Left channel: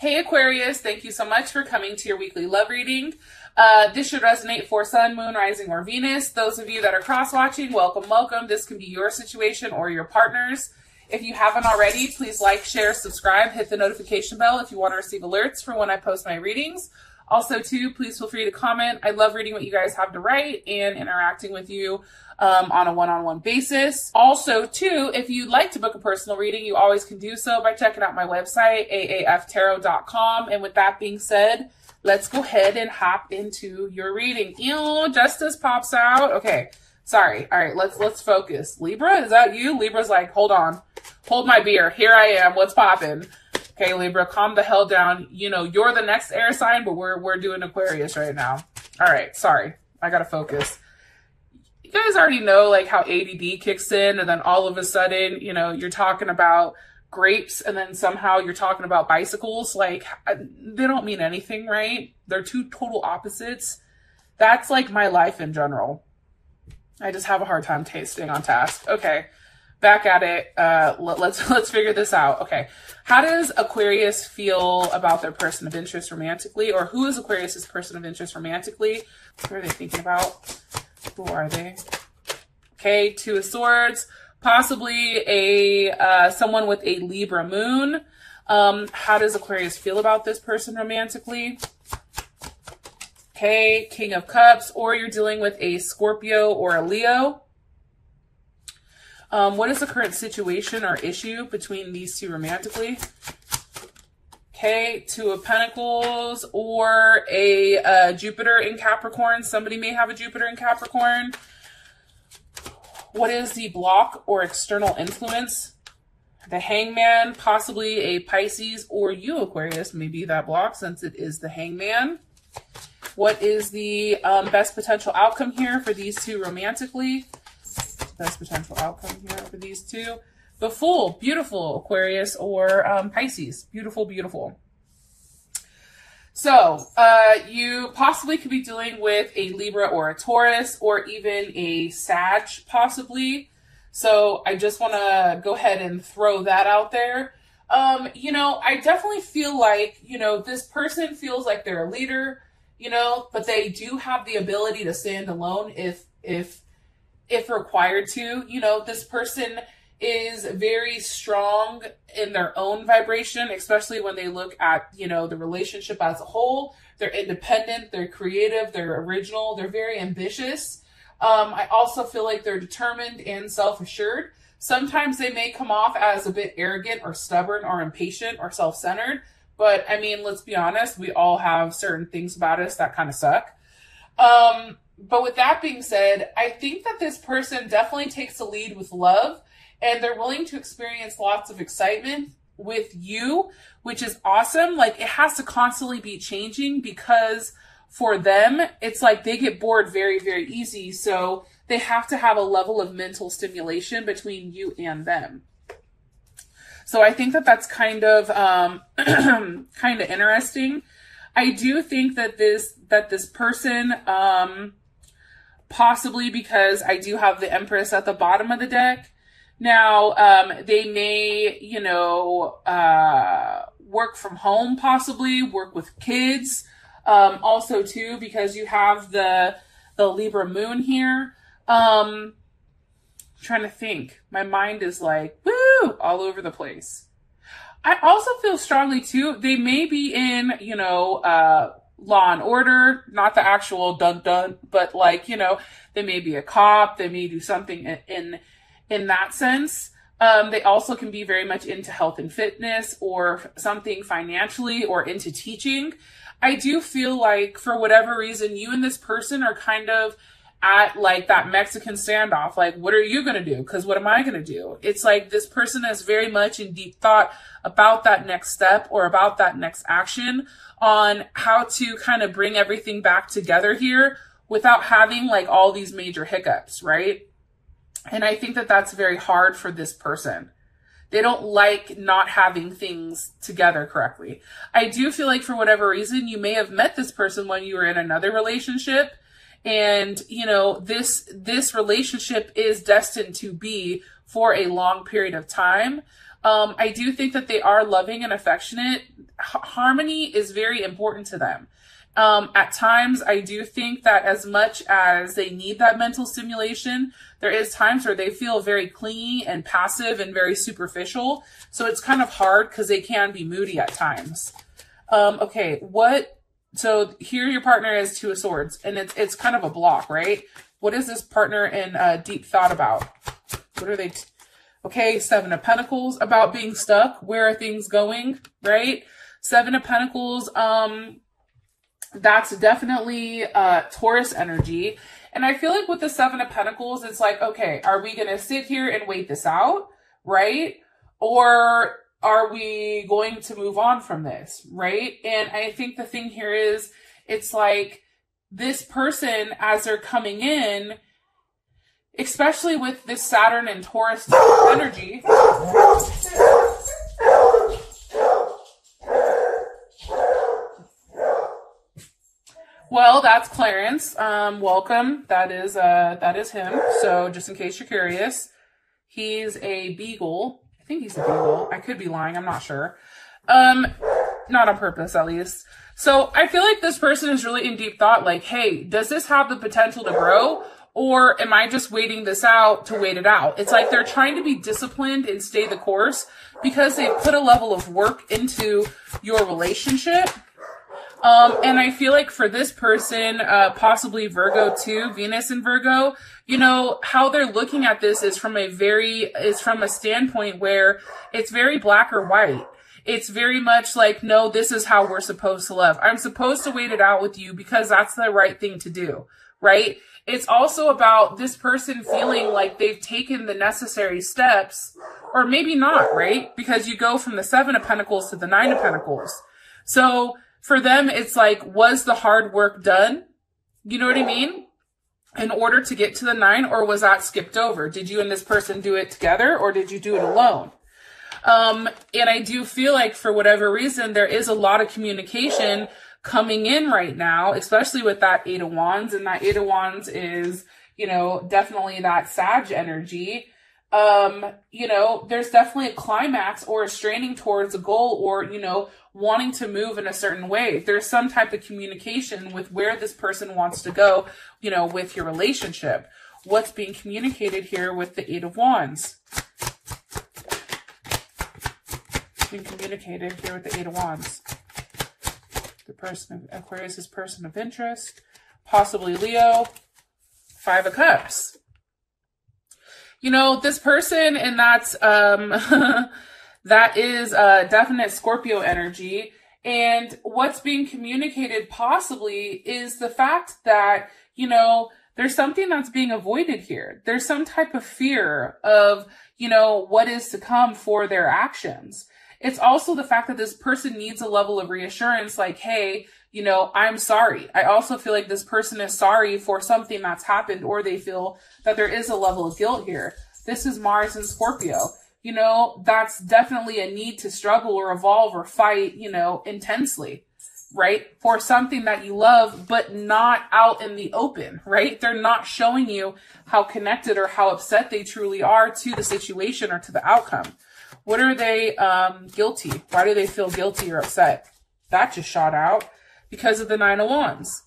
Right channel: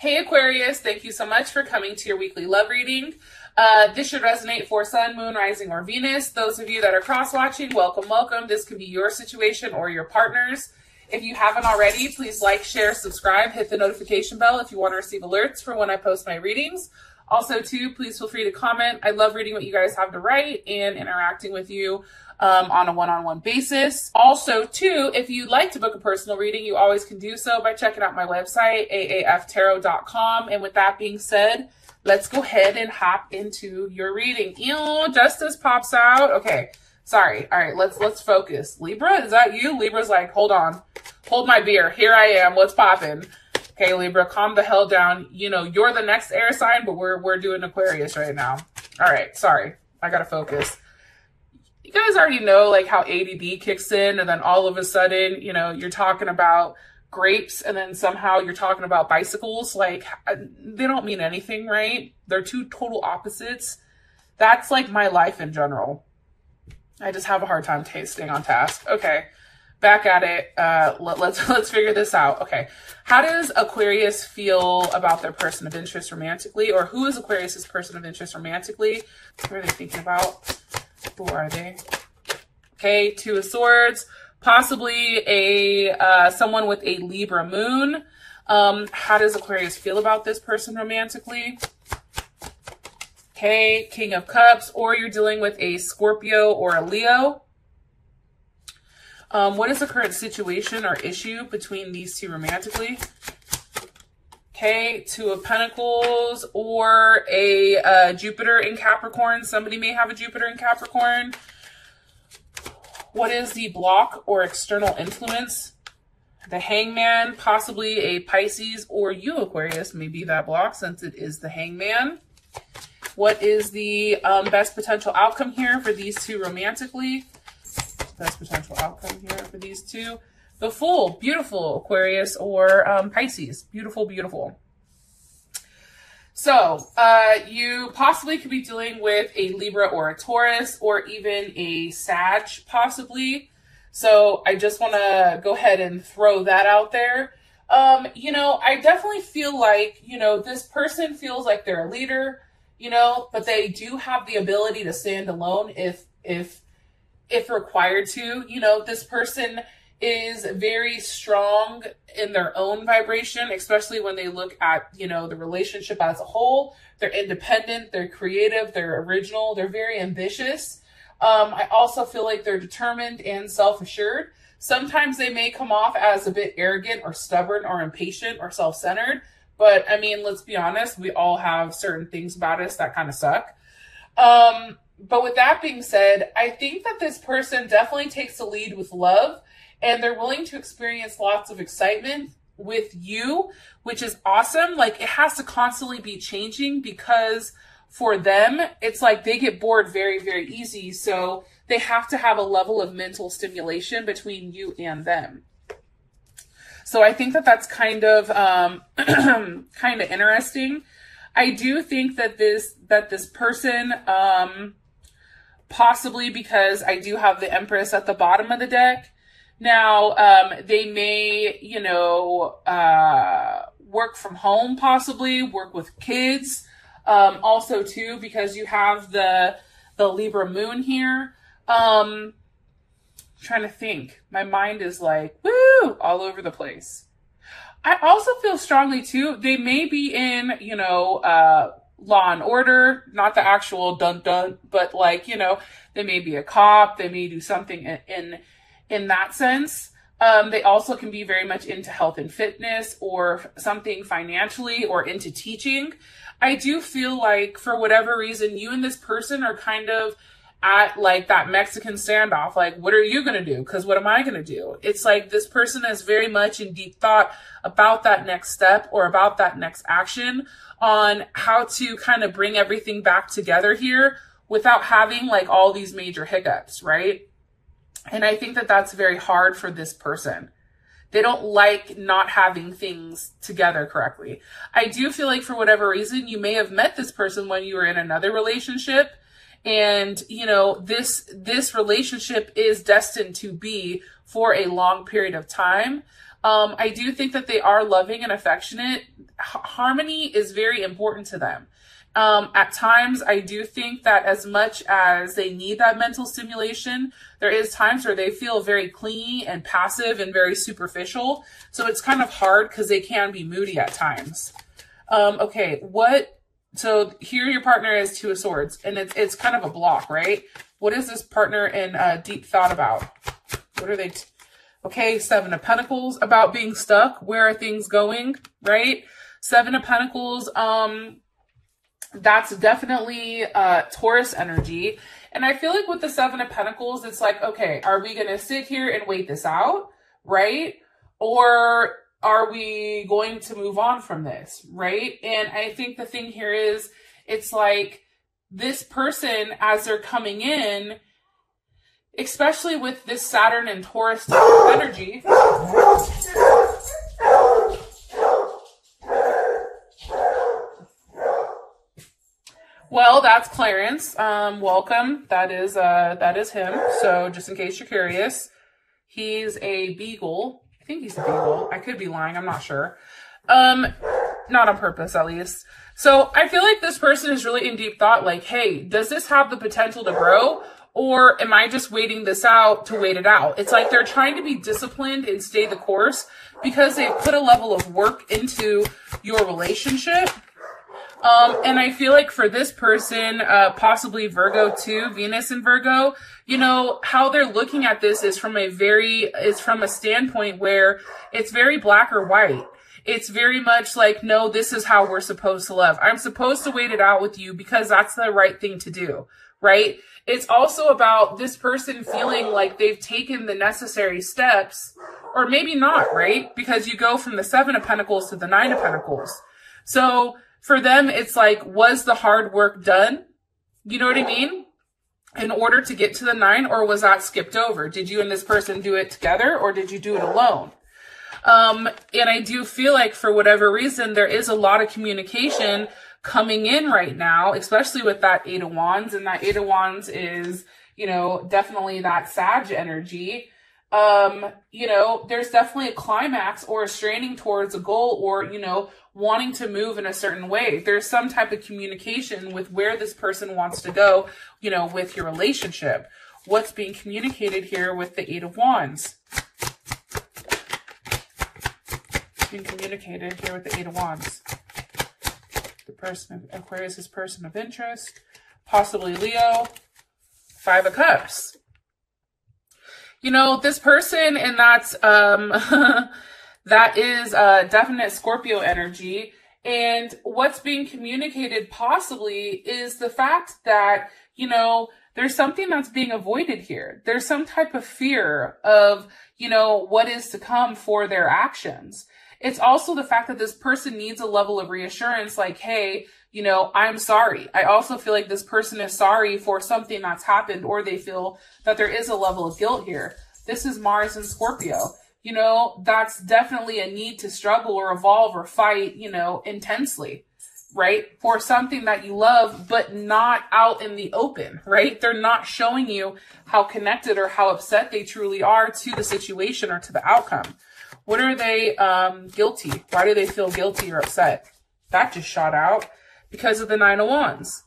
Hey Aquarius, thank you so much for coming to your weekly love reading. This should resonate for Sun, Moon, Rising, or Venus. Those of you that are cross-watching, welcome, welcome. This could be your situation or your partner's. If you haven't already, please like, share, subscribe, hit the notification bell if you want to receive alerts for when I post my readings. Also, too, please feel free to comment. I love reading what you guys have to write and interacting with you on a one-on-one basis. Also, too, if you'd like to book a personal reading, you always can do so by checking out my website, aaftarot.com. And with that being said, let's go ahead and hop into your reading. Ew, Justice pops out. Okay, sorry. All right, let's focus. Libra, is that you? Libra's like, hold on. Hold my beer. Here I am. What's popping? Okay, Libra, calm the hell down. You know, you're the next air sign, but we're doing Aquarius right now. All right, sorry. I gotta focus. You guys already know like how ADD kicks in, and then all of a sudden, you know, you're talking about grapes, and then somehow you're talking about bicycles. Like, they don't mean anything, right? They're two total opposites. That's like my life in general. I just have a hard time staying on task. Okay, back at it. Let's figure this out. Okay, how does Aquarius feel about their person of interest romantically, or who is Aquarius's person of interest romantically? What are they thinking about? Who are they? Okay, Two of Swords, possibly someone with a Libra moon. How does Aquarius feel about this person romantically? Okay, King of Cups, or you're dealing with a Scorpio or a Leo. What is the current situation or issue between these two romantically? Okay, Two of Pentacles, or a Jupiter in Capricorn. Somebody may have a Jupiter in Capricorn. What is the block or external influence? The Hangman, possibly a Pisces, or you, Aquarius, may be that block since it is the Hangman. What is the best potential outcome here for these two romantically? Best potential outcome here for these two. The Fool, beautiful, Aquarius or Pisces. Beautiful, beautiful. So, you possibly could be dealing with a Libra or a Taurus, or even a Sag, possibly. So, I just want to go ahead and throw that out there. You know, I definitely feel like, you know, this person feels like they're a leader, you know, but they do have the ability to stand alone if required to. You know, this person is very strong in their own vibration, especially when they look at, you know, the relationship as a whole. They're independent, they're creative, they're original, they're very ambitious. I also feel like they're determined and self-assured. Sometimes they may come off as a bit arrogant or stubborn or impatient or self-centered, but I mean, let's be honest, we all have certain things about us that kind of suck. But with that being said, I think that this person definitely takes the lead with love, and they're willing to experience lots of excitement with you, which is awesome. Like, it has to constantly be changing, because for them, it's like they get bored very, very easy. So they have to have a level of mental stimulation between you and them. So I think that that's kind of interesting. I do think that this person, possibly because I do have the Empress at the bottom of the deck. Now, they may, you know, work from home, possibly work with kids. Also too, because you have the Libra moon here. Trying to think. My mind is like, woo, all over the place. I also feel strongly too, they may be in, you know, Law and Order, not the actual dun-dun, but like, you know, they may be a cop, they may do something in that sense. They also can be very much into health and fitness, or something financially, or into teaching. I do feel like for whatever reason, you and this person are kind of at like that Mexican standoff. Like, what are you going to do? Because what am I going to do? It's like this person is very much in deep thought about that next step, or about that next action, on how to kind of bring everything back together here without having like all these major hiccups, right? And I think that that's very hard for this person. They don't like not having things together correctly. I do feel like for whatever reason, you may have met this person when you were in another relationship. And, you know, this relationship is destined to be for a long period of time. I do think that they are loving and affectionate. Harmony is very important to them. At times, I do think that as much as they need that mental stimulation, there is times where they feel very clingy and passive and very superficial. So it's kind of hard because they can be moody at times. Okay, so here your partner has Two of Swords, and it's kind of a block, right? What is this partner in deep thought about? What are they? Okay, Seven of Pentacles, about being stuck. Where are things going, right? Seven of Pentacles, that's definitely Taurus energy. And I feel like with the Seven of Pentacles, it's like, okay, are we going to sit here and wait this out, right? Or are we going to move on from this, right? And I think the thing here is, it's like this person, as they're coming in, especially with this Saturn and Taurus type of energy. Well, that's Clarence. Welcome. That is him. So just in case you're curious, he's a beagle. I think he's a beagle. I could be lying. I'm not sure. Not on purpose, at least. So I feel like this person is really in deep thought, like, hey, does this have the potential to grow? Or am I just waiting this out to wait it out? It's like they're trying to be disciplined and stay the course because they've put a level of work into your relationship. And I feel like for this person, possibly Virgo too, Venus in Virgo, you know, how they're looking at this is from a standpoint where it's very black or white. It's very much like, no, this is how we're supposed to love. I'm supposed to wait it out with you because that's the right thing to do, right? It's also about this person feeling like they've taken the necessary steps, or maybe not, right? Because you go from the Seven of Pentacles to the Nine of Pentacles. So for them, it's like, was the hard work done? You know what I mean? In order to get to the Nine, or was that skipped over? Did you and this person do it together, or did you do it alone? And I do feel like for whatever reason, there is a lot of communication coming in right now, especially with that Eight of Wands. And that Eight of Wands is, you know, definitely that Sag energy. You know, there's definitely a climax or a straining towards a goal, or, you know, wanting to move in a certain way. There's some type of communication with where this person wants to go, you know, with your relationship. What's being communicated here with the Eight of Wands? Being communicated here with the Eight of Wands. The person of Aquarius is person of interest, possibly Leo. Five of Cups. You know, this person, and that's that is a definite Scorpio energy. And what's being communicated possibly is the fact that, you know, there's something that's being avoided here. There's some type of fear of, you know, what is to come for their actions. It's also the fact that this person needs a level of reassurance, like, hey, you know, I'm sorry. I also feel like this person is sorry for something that's happened, or they feel that there is a level of guilt here. This is Mars and Scorpio. You know, that's definitely a need to struggle or evolve or fight, you know, intensely, right? For something that you love, but not out in the open, right? They're not showing you how connected or how upset they truly are to the situation or to the outcome. What are they guilty? Why do they feel guilty or upset? That just shot out because of the Nine of Wands.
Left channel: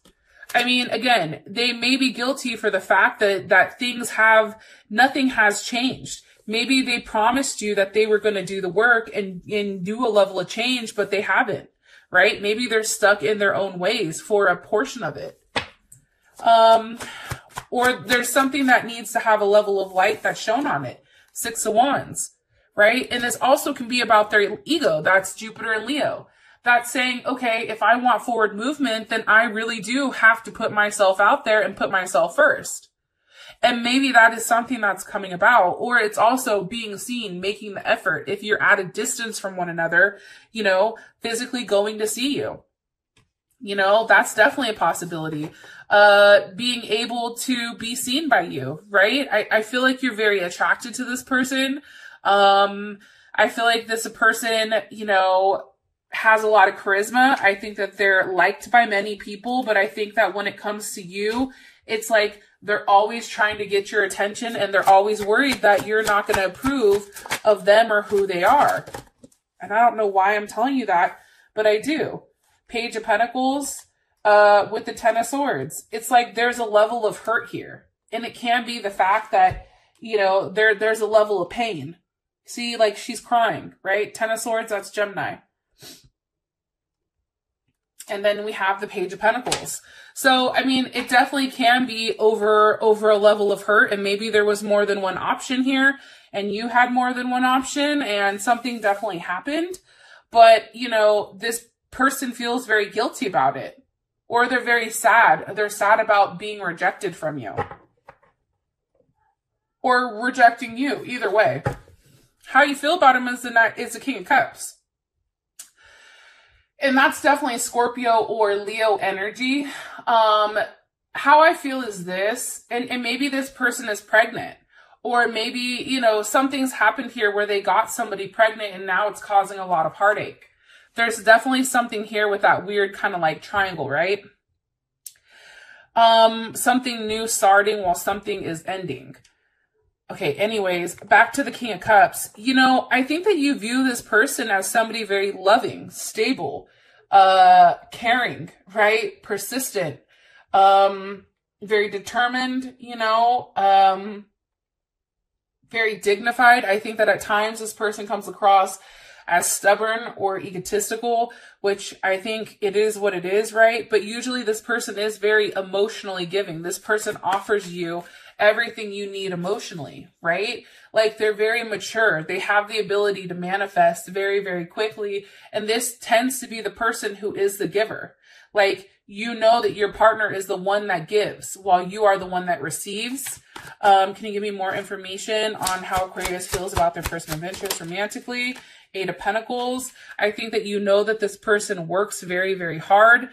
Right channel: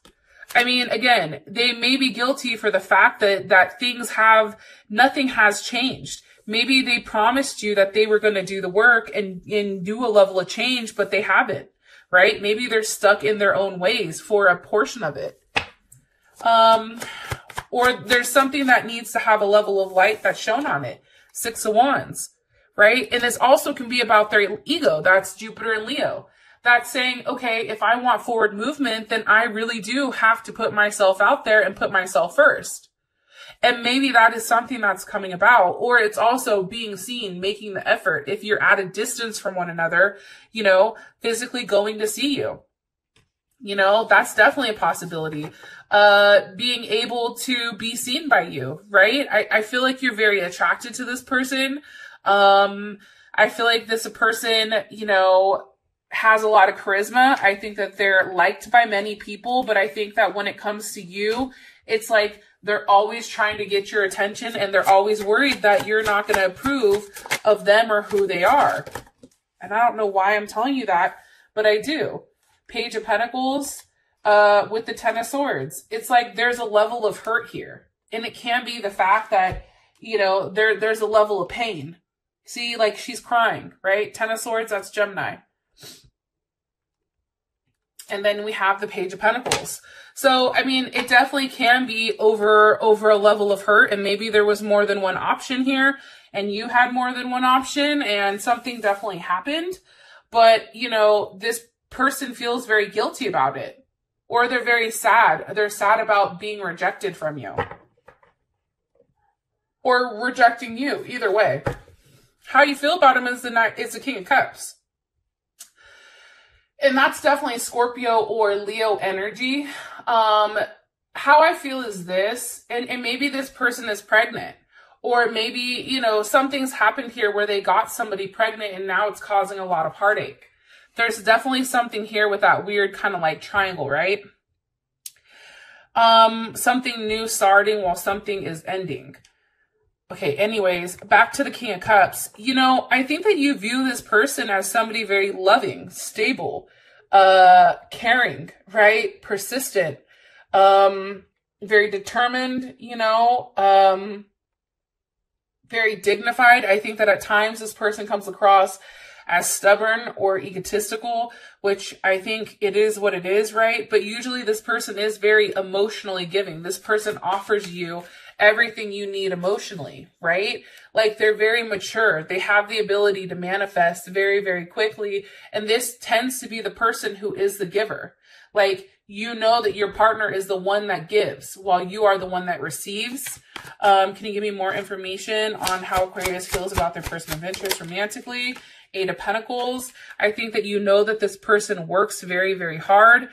I mean, again, they may be guilty for the fact that nothing has changed. Maybe they promised you that they were going to do the work and do a level of change, but they haven't, right? Maybe they're stuck in their own ways for a portion of it. Or there's something that needs to have a level of light that's shown on it. Six of Wands. Right? And this also can be about their ego. That's Jupiter and Leo. That's saying, okay, if I want forward movement, then I really do have to put myself out there and put myself first. And maybe that is something that's coming about. Or it's also being seen, making the effort. If you're at a distance from one another, you know, physically going to see you. You know, that's definitely a possibility. Being able to be seen by you, right? I feel like you're very attracted to this person. I feel like this person, you know, has a lot of charisma. I think that they're liked by many people, but I think that when it comes to you, It's like they're always trying to get your attention, and they're always worried that you're not going to approve of them or who they are. And I don't know why I'm telling you that, but I do. Page of Pentacles with the Ten of Swords. It's like there's a level of hurt here. And it can be the fact that, you know, there's a level of pain. See, like she's crying, right? Ten of Swords, that's Gemini. And then we have the Page of Pentacles. So, I mean, it definitely can be over a level of hurt, and maybe there was more than one option here, and you had more than one option, and something definitely happened. But, you know, this person feels very guilty about it, or they're very sad. They're sad about being rejected from you, or rejecting you, either way. How you feel about them is the King of Cups. And that's definitely Scorpio or Leo energy. How I feel is this, and maybe this person is pregnant, or maybe, you know, something's happened here where they got somebody pregnant and now it's causing a lot of heartache. There's definitely something here with that weird kind of like triangle, right? Something new starting while something is ending. Okay, anyways, back to the King of Cups. You know, I think that you view this person as somebody very loving, stable, caring, right? Persistent, very determined, you know, very dignified. I think that at times this person comes across as stubborn or egotistical, which I think it is what it is, right? But usually this person is very emotionally giving. This person offers you everything you need emotionally, right? Like they're very mature. They have the ability to manifest very, very quickly. And this tends to be the person who is the giver. Like, you know that your partner is the one that gives while you are the one that receives. Can you give me more information on how Aquarius feels about their person of interest romantically? Eight of Pentacles. I think that you know that this person works very, very hard,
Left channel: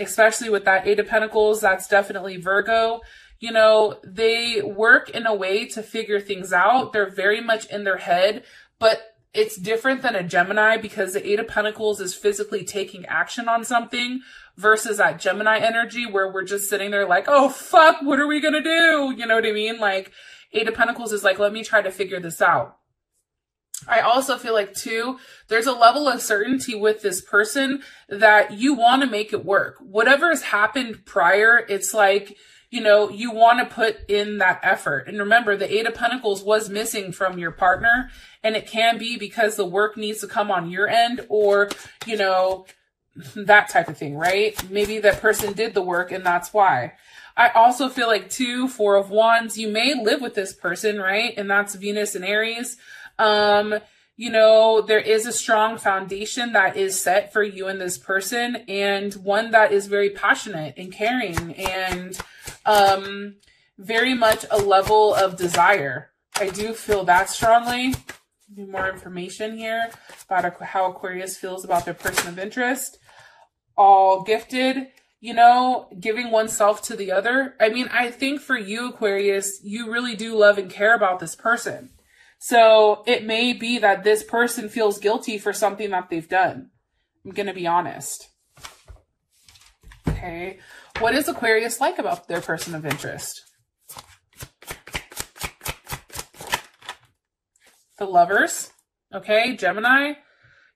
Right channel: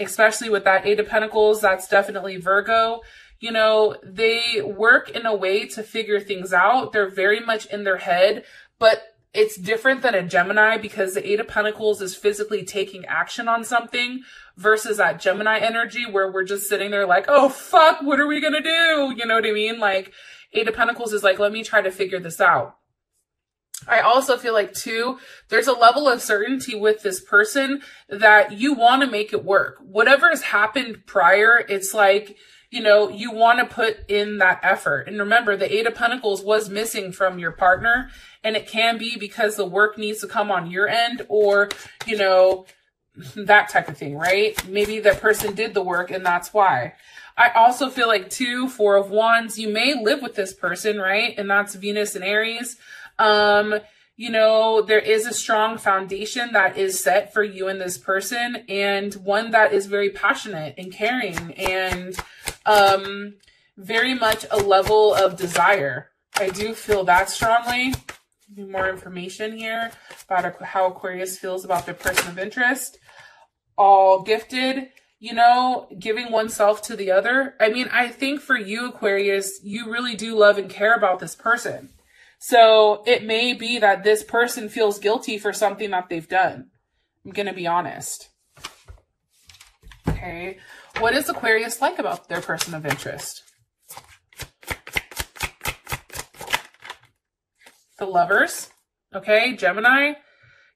especially with that Eight of Pentacles. That's definitely Virgo. You know, they work in a way to figure things out. They're very much in their head, but it's different than a Gemini because the Eight of Pentacles is physically taking action on something versus that Gemini energy where we're just sitting there like, oh, fuck, what are we going to do? You know what I mean? Like, Eight of Pentacles is like, let me try to figure this out. I also feel like, too, there's a level of certainty with this person that you want to make it work. Whatever has happened prior, it's like, you know, you want to put in that effort. And remember, the Eight of Pentacles was missing from your partner. And it can be because the work needs to come on your end or, you know, that type of thing, right? Maybe that person did the work and that's why. I also feel like, too, Four of Wands, you may live with this person, right? And that's Venus and Aries. You know, there is a strong foundation that is set for you and this person, and one that is very passionate and caring and very much a level of desire. I do feel that strongly. More information here about how Aquarius feels about their person of interest. All gifted, you know, giving oneself to the other. I mean, I think for you, Aquarius, you really do love and care about this person. So it may be that this person feels guilty for something that they've done. I'm going to be honest. Okay. What is Aquarius like about their person of interest? The Lovers. Okay. Gemini.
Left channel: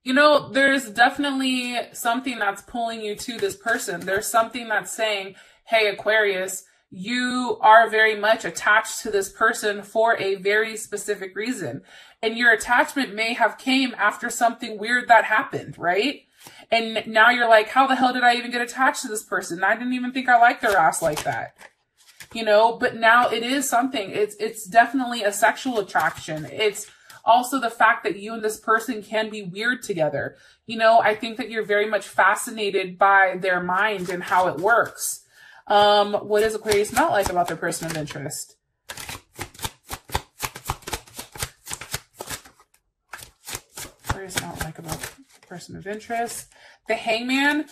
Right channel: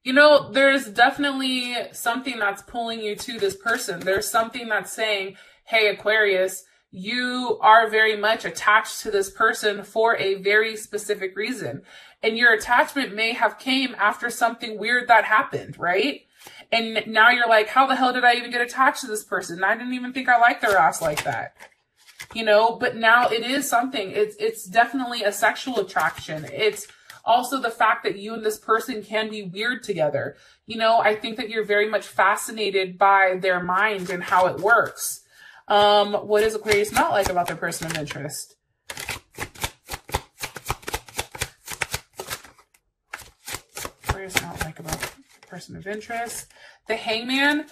You know, there's definitely something that's pulling you to this person. There's something that's saying, hey, Aquarius, you are very much attached to this person for a very specific reason. And your attachment may have came after something weird that happened, right? And now you're like, how the hell did I even get attached to this person? I didn't even think I liked their ass like that. You know, but now it is something. It's definitely a sexual attraction. It's also the fact that you and this person can be weird together. You know, I think that you're very much fascinated by their mind and how it works. What is Aquarius not like about their person of interest? Aquarius not like about the person of interest. The Hangman.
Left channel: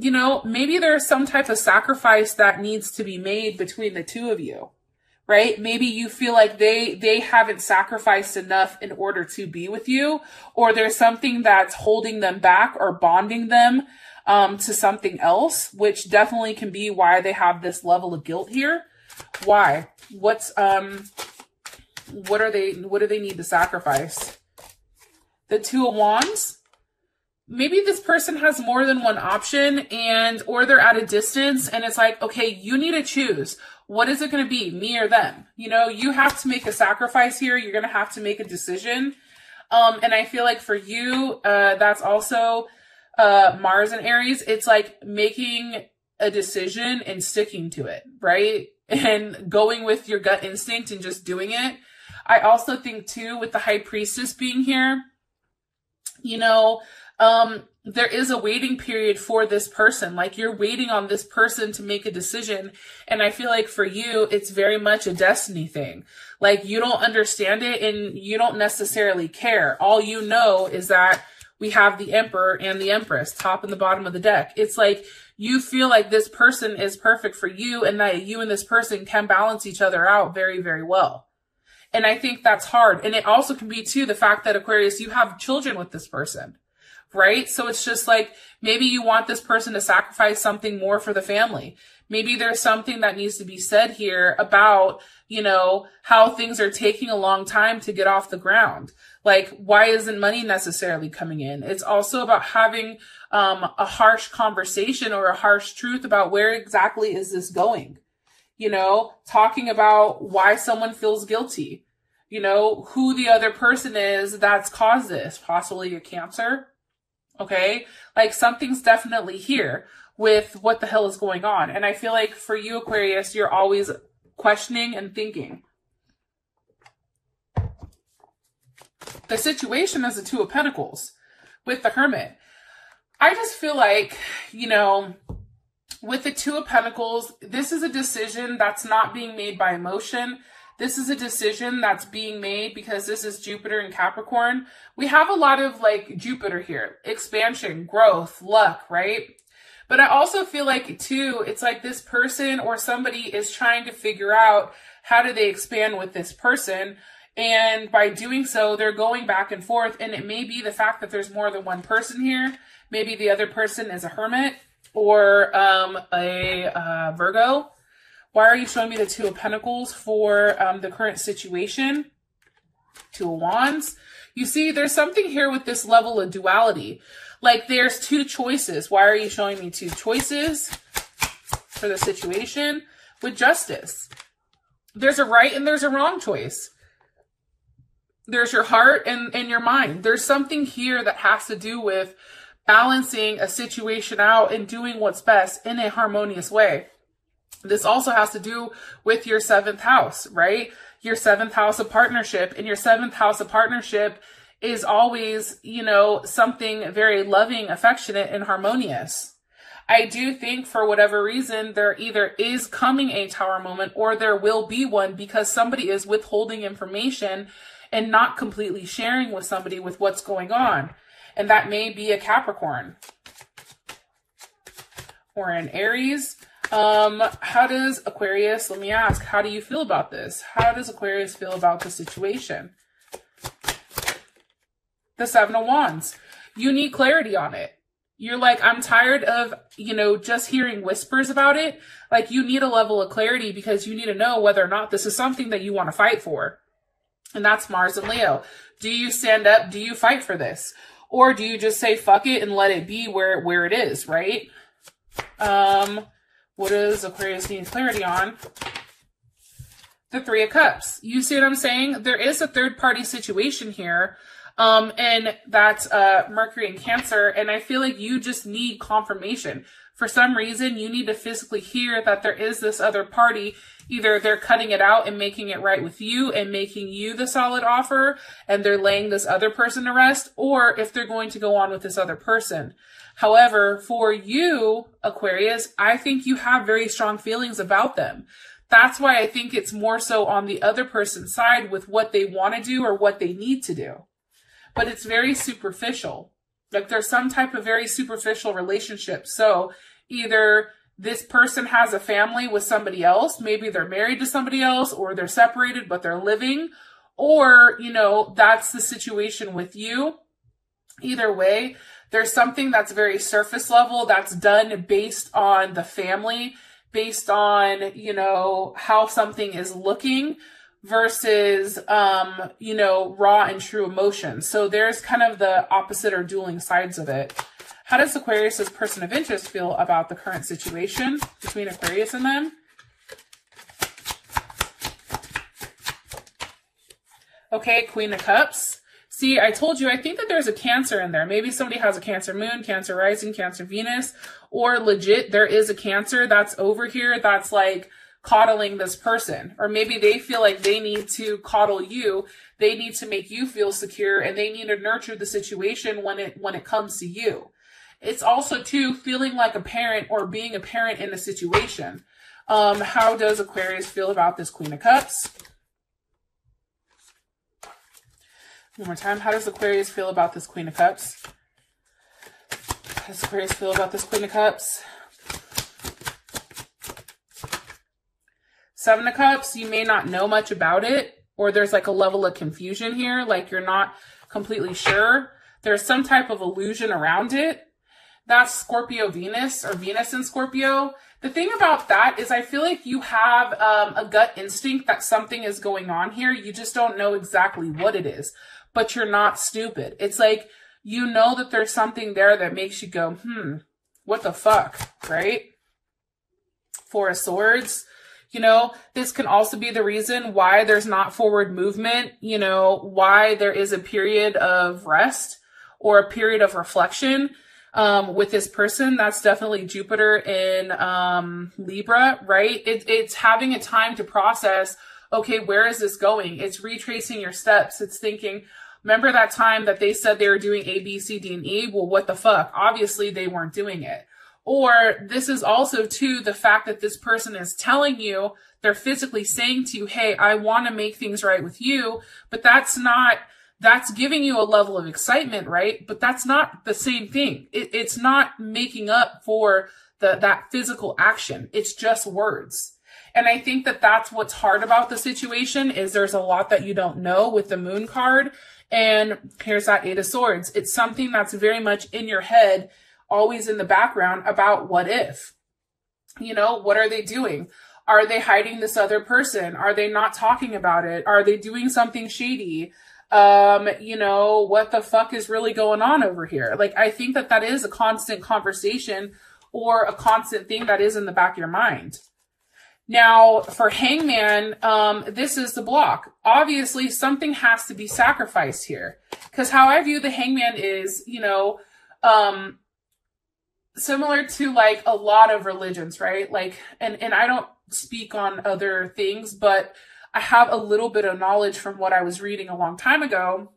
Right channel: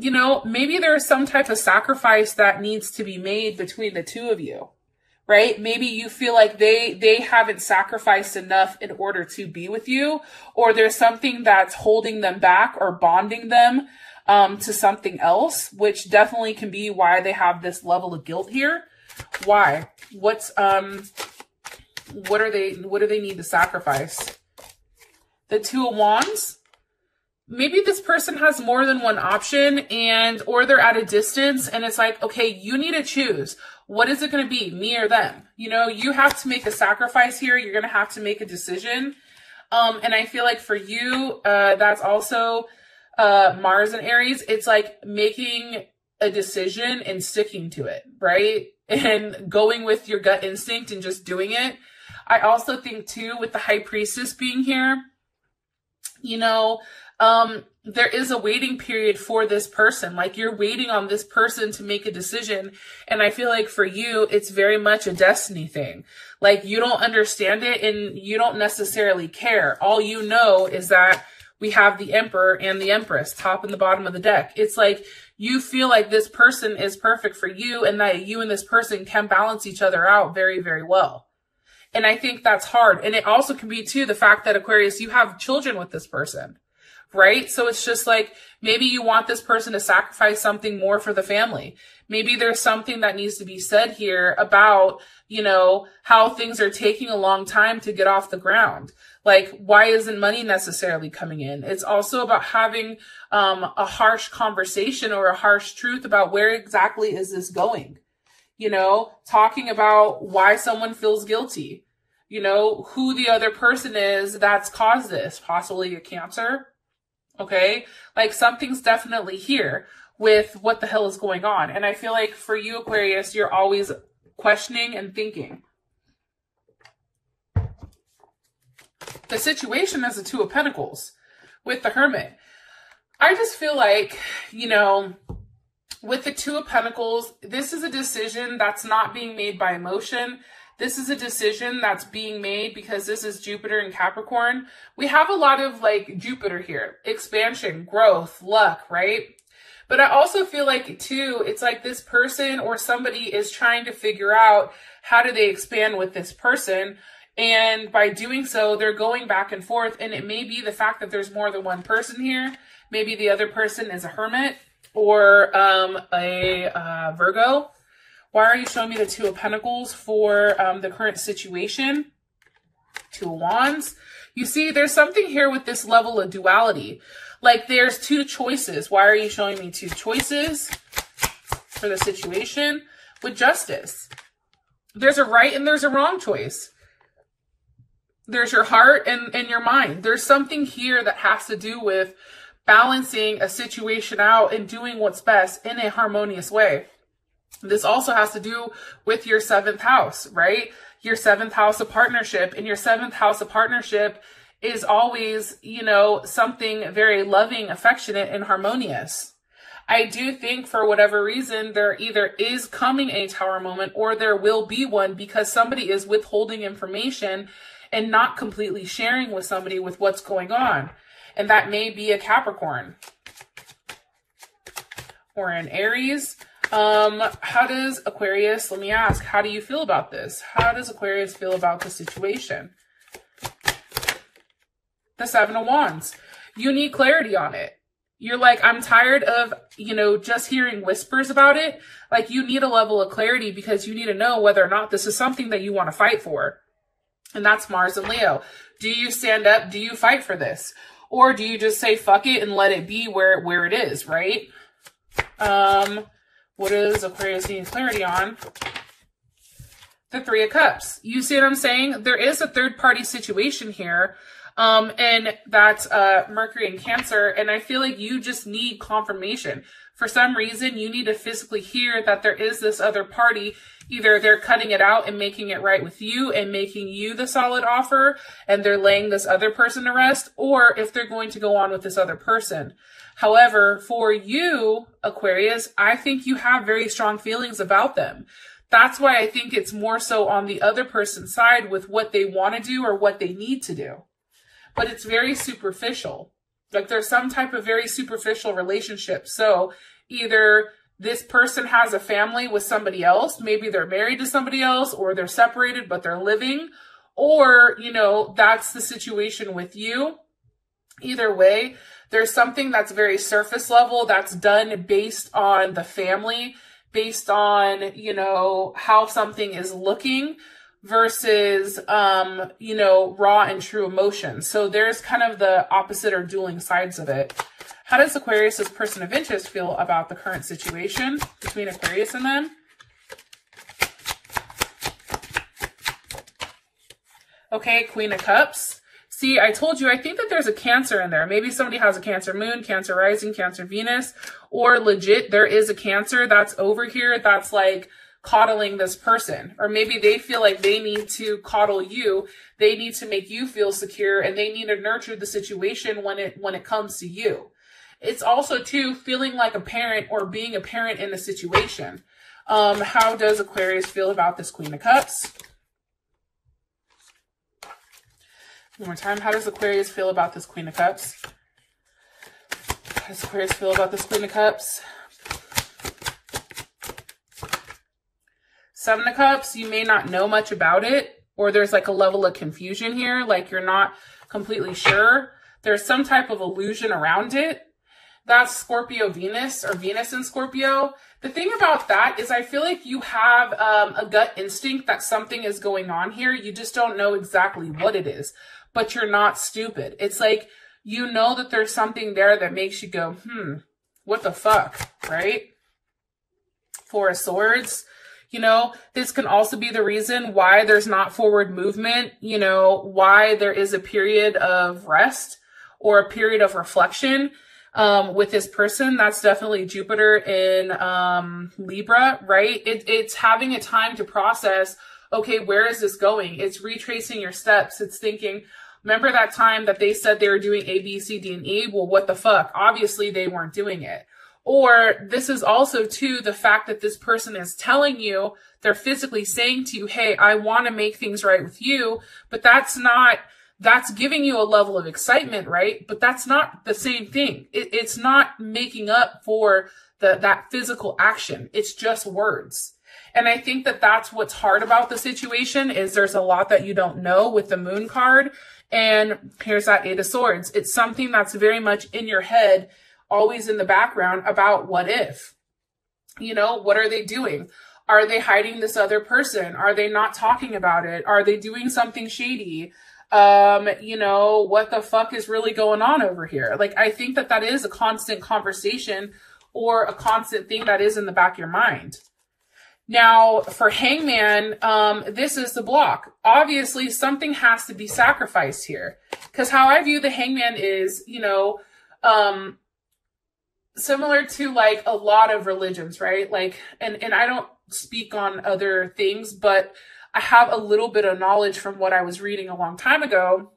You know, maybe there's some type of sacrifice that needs to be made between the two of you, right? Maybe you feel like they haven't sacrificed enough in order to be with you, or there's something that's holding them back or bonding them to something else, which definitely can be why they have this level of guilt here. Why? What do they need to sacrifice? The Two of Wands. Maybe this person has more than one option, or they're at a distance, and it's like, okay, you need to choose. What is it going to be, me or them? You know, you have to make a sacrifice here. You're going to have to make a decision. And I feel like for you, that's also Mars and Aries. It's like making a decision and sticking to it, right? And going with your gut instinct and just doing it. I also think too, with the High Priestess being here, you know, there is a waiting period for this person. Like, you're waiting on this person to make a decision. And I feel like for you, it's very much a destiny thing. Like, you don't understand it and you don't necessarily care. All you know is that we have the Emperor and the Empress, top and the bottom of the deck. It's like you feel like this person is perfect for you and that you and this person can balance each other out very, very well. And I think that's hard. And it also can be too the fact that, Aquarius, you have children with this person, right? So it's just like, maybe you want this person to sacrifice something more for the family. Maybe there's something that needs to be said here about, you know, how things are taking a long time to get off the ground. Like, why isn't money necessarily coming in? It's also about having a harsh conversation or a harsh truth about where exactly is this going. You know, talking about why someone feels guilty, you know, who the other person is that's caused this, possibly a Cancer. Okay. Like, something's definitely here with what the hell is going on. And I feel like for you, Aquarius, you're always questioning and thinking. The situation is the Two of Pentacles with the Hermit. I just feel like, you know, with the Two of Pentacles, this is a decision that's not being made by emotion. This is a decision that's being made because this is Jupiter in Capricorn. We have a lot of like Jupiter here, expansion, growth, luck, right? But I also feel like too, it's like this person or somebody is trying to figure out how do they expand with this person. And by doing so, they're going back and forth. And it may be the fact that there's more than one person here. Maybe the other person is a Hermit or a Virgo. Why are you showing me the Two of Pentacles for the current situation? Two of Wands. You see, there's something here with this level of duality. Like, there's two choices. Why are you showing me two choices for the situation? With Justice. There's a right and there's a wrong choice. There's your heart and your mind. There's something here that has to do with balancing a situation out and doing what's best in a harmonious way. This also has to do with your 7th house, right? Your 7th house of partnership. And your 7th house of partnership is always, you know, something very loving, affectionate, and harmonious. I do think for whatever reason, there either is coming a Tower moment or there will be one because somebody is withholding information and not completely sharing with somebody with what's going on. And that may be a Capricorn or an Aries. How does Aquarius, let me ask, how do you feel about this? How does Aquarius feel about the situation? The Seven of Wands. You need clarity on it. You're like, I'm tired of, you know, just hearing whispers about it. Like, you need a level of clarity because you need to know whether or not this is something that you want to fight for. And that's Mars and Leo. Do you stand up? Do you fight for this? Or do you just say, fuck it and let it be where it is, right? What does Aquarius need clarity on? The Three of Cups. You see what I'm saying? There is a third-party situation here. And that's Mercury in Cancer. And I feel like you just need confirmation. For some reason, you need to physically hear that there is this other party. Either they're cutting it out and making it right with you and making you the solid offer and they're laying this other person to rest, or if they're going to go on with this other person. However, for you, Aquarius, I think you have very strong feelings about them. That's why I think it's more so on the other person's side with what they want to do or what they need to do. But it's very superficial. Like, there's some type of very superficial relationship. So either this person has a family with somebody else. Maybe they're married to somebody else, or they're separated, but they're living, or, you know, that's the situation with you. Either way, there's something that's very surface level that's done based on the family, based on, you know, how something is looking versus, you know, raw and true emotions. So there's kind of the opposite or dueling sides of it. How does Aquarius's person of interest feel about the current situation between Aquarius and them? Okay, Queen of Cups. See, I told you, I think that there's a Cancer in there. Maybe somebody has a Cancer moon, Cancer rising, Cancer Venus, or legit there is a Cancer that's over here that's like coddling this person. Or maybe they feel like they need to coddle you. They need to make you feel secure, and they need to nurture the situation when it comes to you. It's also, too, feeling like a parent or being a parent in a situation. How does Aquarius feel about this Queen of Cups? One more time. How does Aquarius feel about this Queen of Cups? How does Aquarius feel about this Queen of Cups? Seven of Cups, you may not know much about it, or there's like a level of confusion here, like you're not completely sure. There's some type of illusion around it. That's Scorpio Venus, or Venus in Scorpio. The thing about that is I feel like you have a gut instinct that something is going on here. You just don't know exactly what it is, but you're not stupid. It's like, you know that there's something there that makes you go, what the fuck, right? Four of Swords. You know, this can also be the reason why there's not forward movement, you know, why there is a period of rest or a period of reflection with this person. That's definitely Jupiter in Libra, right? It's having a time to process, okay, where is this going? It's retracing your steps. It's thinking, remember that time that they said they were doing A, B, C, D, and E? Well, what the fuck? Obviously, they weren't doing it. Or this is also, too, the fact that this person is telling you, they're physically saying to you, hey, I want to make things right with you, but that's giving you a level of excitement, right? But that's not the same thing. It's not making up for that physical action. It's just words. And I think that that's what's hard about the situation, is there's a lot that you don't know with the Moon card. And here's that Eight of Swords. It's something that's very much in your head, always in the background, about what if. You know, what are they doing? Are they hiding this other person? Are they not talking about it? Are they doing something shady? You know, what the fuck is really going on over here? Like, I think that that is a constant conversation, or a constant thing that is in the back of your mind. Now, for Hangman, this is the block. Obviously, something has to be sacrificed here. Because how I view the Hangman is, you know, similar to like a lot of religions, right? Like, and I don't speak on other things, but I have a little bit of knowledge from what I was reading a long time ago.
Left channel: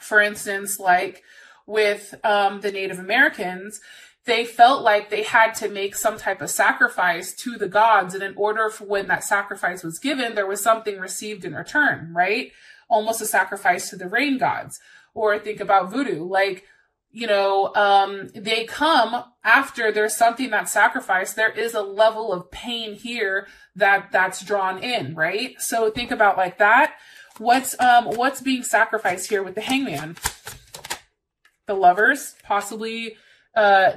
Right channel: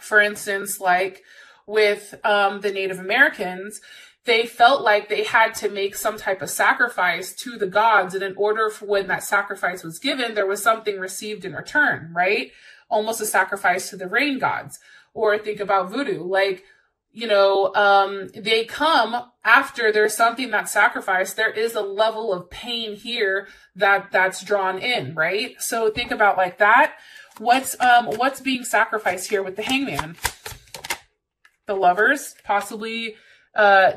For instance, like with the Native Americans, they felt like they had to make some type of sacrifice to the gods. And in order for when that sacrifice was given, there was something received in return, right? Almost a sacrifice to the rain gods. Or think about voodoo, like, you know, they come after there's something that's sacrificed. There is a level of pain here that's drawn in, right? So think about like that. What's being sacrificed here with the Hangman? The Lovers, possibly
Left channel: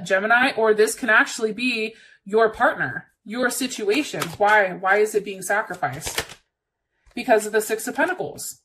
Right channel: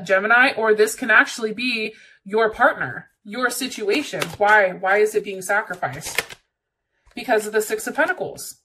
Gemini, or this can actually be your partner, your situation. Why is it being sacrificed? Because of the Six of Pentacles.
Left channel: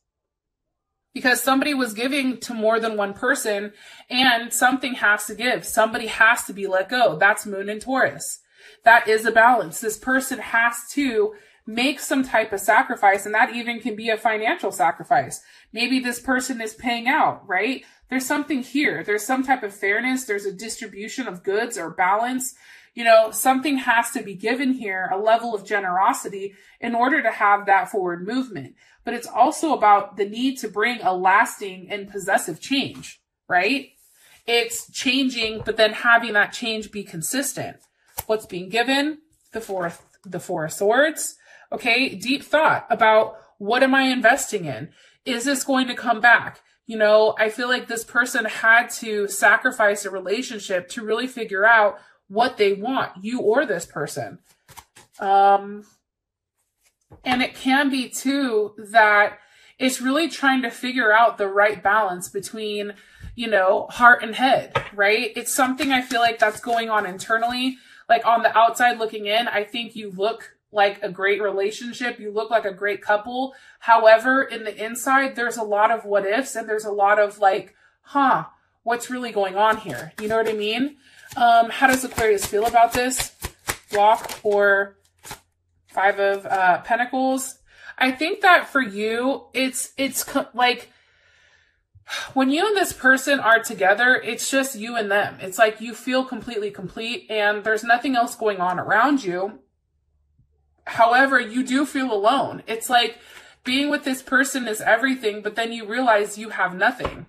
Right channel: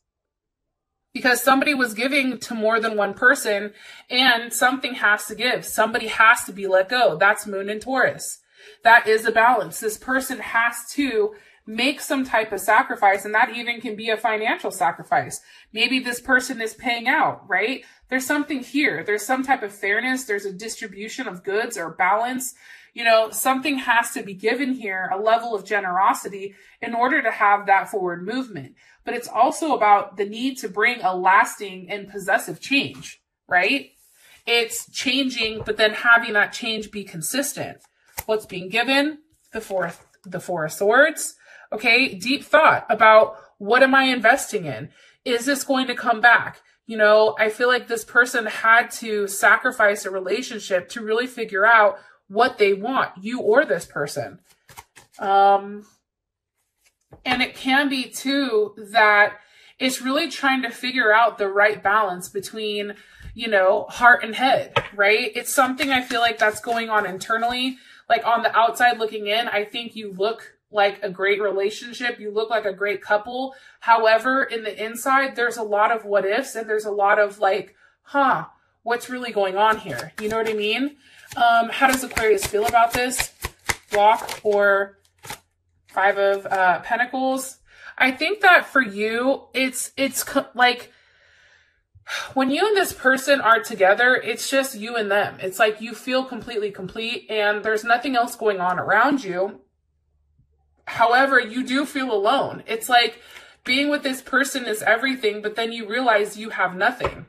Because somebody was giving to more than one person, and something has to give. Somebody has to be let go. That's Moon and Taurus. That is a balance. This person has to make some type of sacrifice, and that even can be a financial sacrifice. Maybe this person is paying out, right? There's something here. There's some type of fairness. There's a distribution of goods or balance. You know, something has to be given here, a level of generosity, in order to have that forward movement. But it's also about the need to bring a lasting and possessive change, right? It's changing, but then having that change be consistent. What's being given? The Four of Swords. Okay, deep thought about, what am I investing in? Is this going to come back? You know, I feel like this person had to sacrifice a relationship to really figure out, what they want, you or this person. And it can be too that it's really trying to figure out the right balance between, you know, heart and head, right? It's something I feel like that's going on internally. Like on the outside looking in, I think you look like a great relationship. You look like a great couple. However, in the inside, there's a lot of what ifs and there's a lot of like, what's really going on here? You know what I mean? How does Aquarius feel about this? Block or Five of Pentacles. I think that for you, it's like when you and this person are together, it's just you and them. It's like you feel completely complete and there's nothing else going on around you. However, you do feel alone. It's like being with this person is everything, but then you realize you have nothing.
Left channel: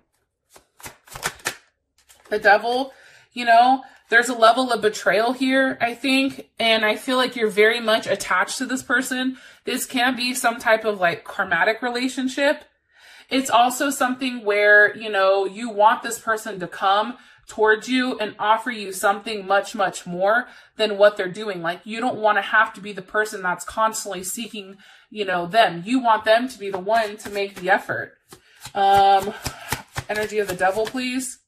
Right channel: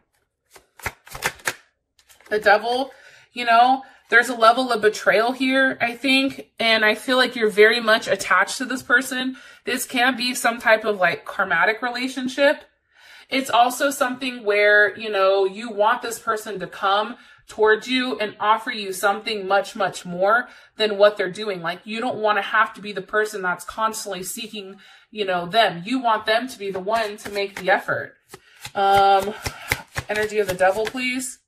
The Devil, you know, there's a level of betrayal here, I think, and I feel like you're very much attached to this person. This can be some type of like karmatic relationship. It's also something where, you know, you want this person to come towards you and offer you something much, much more than what they're doing. Like, you don't want to have to be the person that's constantly seeking, you know, them. You want them to be the one to make the effort. Energy of the Devil, please.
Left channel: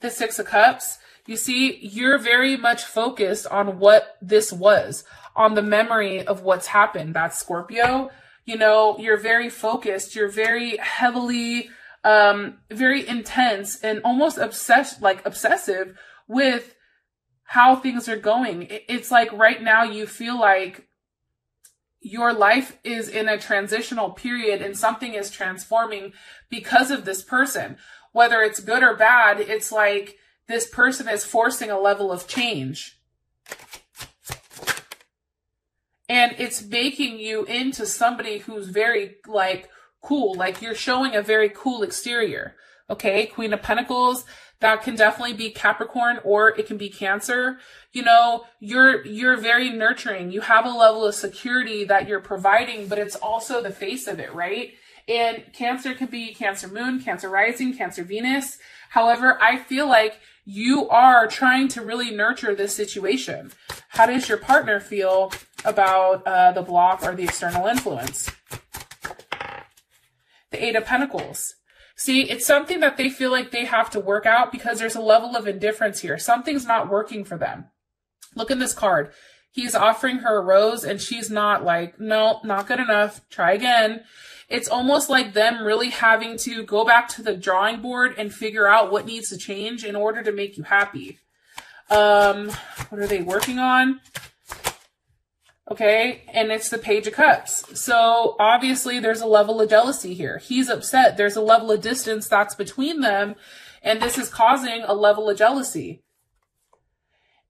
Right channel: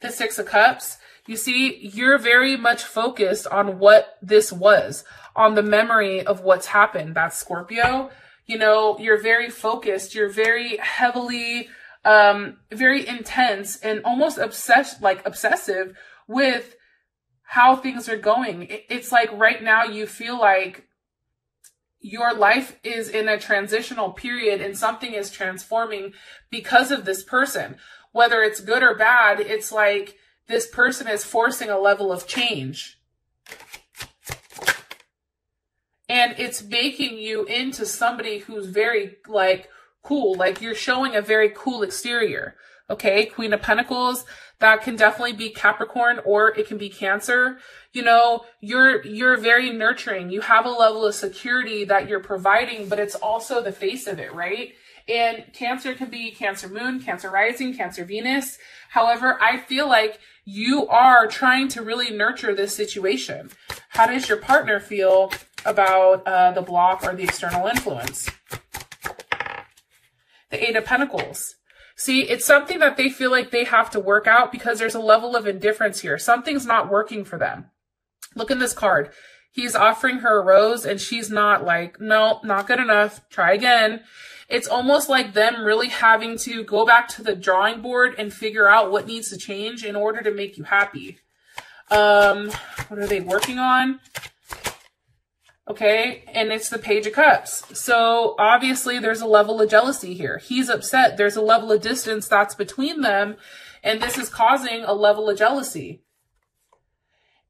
The Six of Cups. You see, you're very much focused on what this was, on the memory of what's happened. That's Scorpio. You know, you're very focused. You're very heavily, very intense and almost obsessive with how things are going. It's like right now you feel like your life is in a transitional period and something is transforming because of this person. Whether it's good or bad, it's like this person is forcing a level of change. And it's making you into somebody who's very, like, cool. Like, you're showing a very cool exterior. Okay, Queen of Pentacles, that can definitely be Capricorn or it can be Cancer. You know, you're very nurturing. You have a level of security that you're providing, but it's also the face of it, right? And Cancer could be Cancer Moon, Cancer Rising, Cancer Venus. However, I feel like you are trying to really nurture this situation. How does your partner feel about the block or the external influence? The Eight of Pentacles. See, it's something that they feel like they have to work out because there's a level of indifference here. Something's not working for them. Look at this card. He's offering her a rose and she's not like, no, not good enough. Try again. It's almost like them really having to go back to the drawing board and figure out what needs to change in order to make you happy. What are they working on? Okay, and it's the Page of Cups. So obviously there's a level of jealousy here. He's upset. There's a level of distance that's between them, and this is causing a level of jealousy.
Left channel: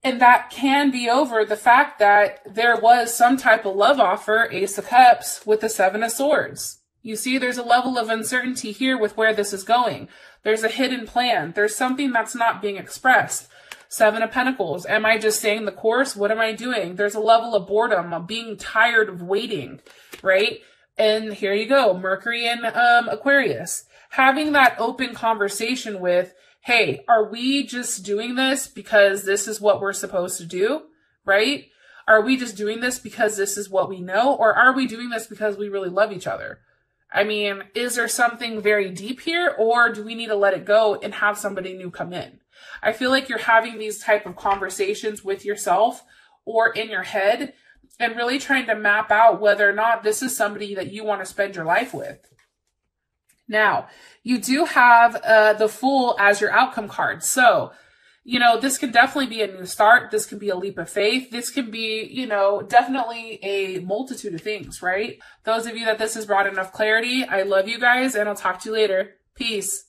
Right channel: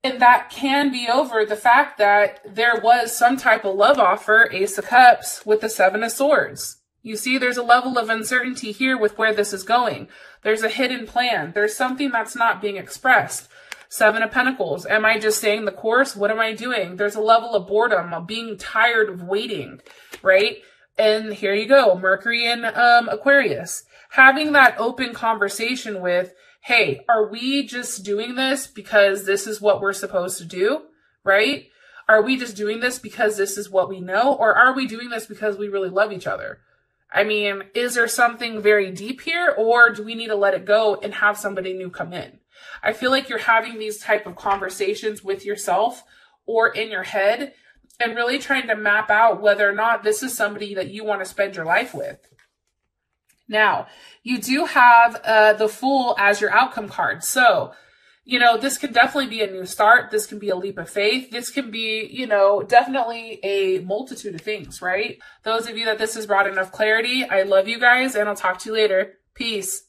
And that can be over the fact that there was some type of love offer, Ace of Cups, with the Seven of Swords. You see, there's a level of uncertainty here with where this is going. There's a hidden plan. There's something that's not being expressed. Seven of Pentacles. Am I just saying the course? What am I doing? There's a level of boredom, of being tired of waiting, right? And here you go, Mercury in Aquarius. Having that open conversation with, hey, are we just doing this because this is what we're supposed to do, right? Are we just doing this because this is what we know? Or are we doing this because we really love each other? I mean, is there something very deep here, or do we need to let it go and have somebody new come in? I feel like you're having these type of conversations with yourself or in your head and really trying to map out whether or not this is somebody that you want to spend your life with. Now, you do have the Fool as your outcome card. So, you know, this can definitely be a new start. This can be a leap of faith. This can be, you know, definitely a multitude of things, right? Those of you that this has brought enough clarity, I love you guys, and I'll talk to you later. Peace.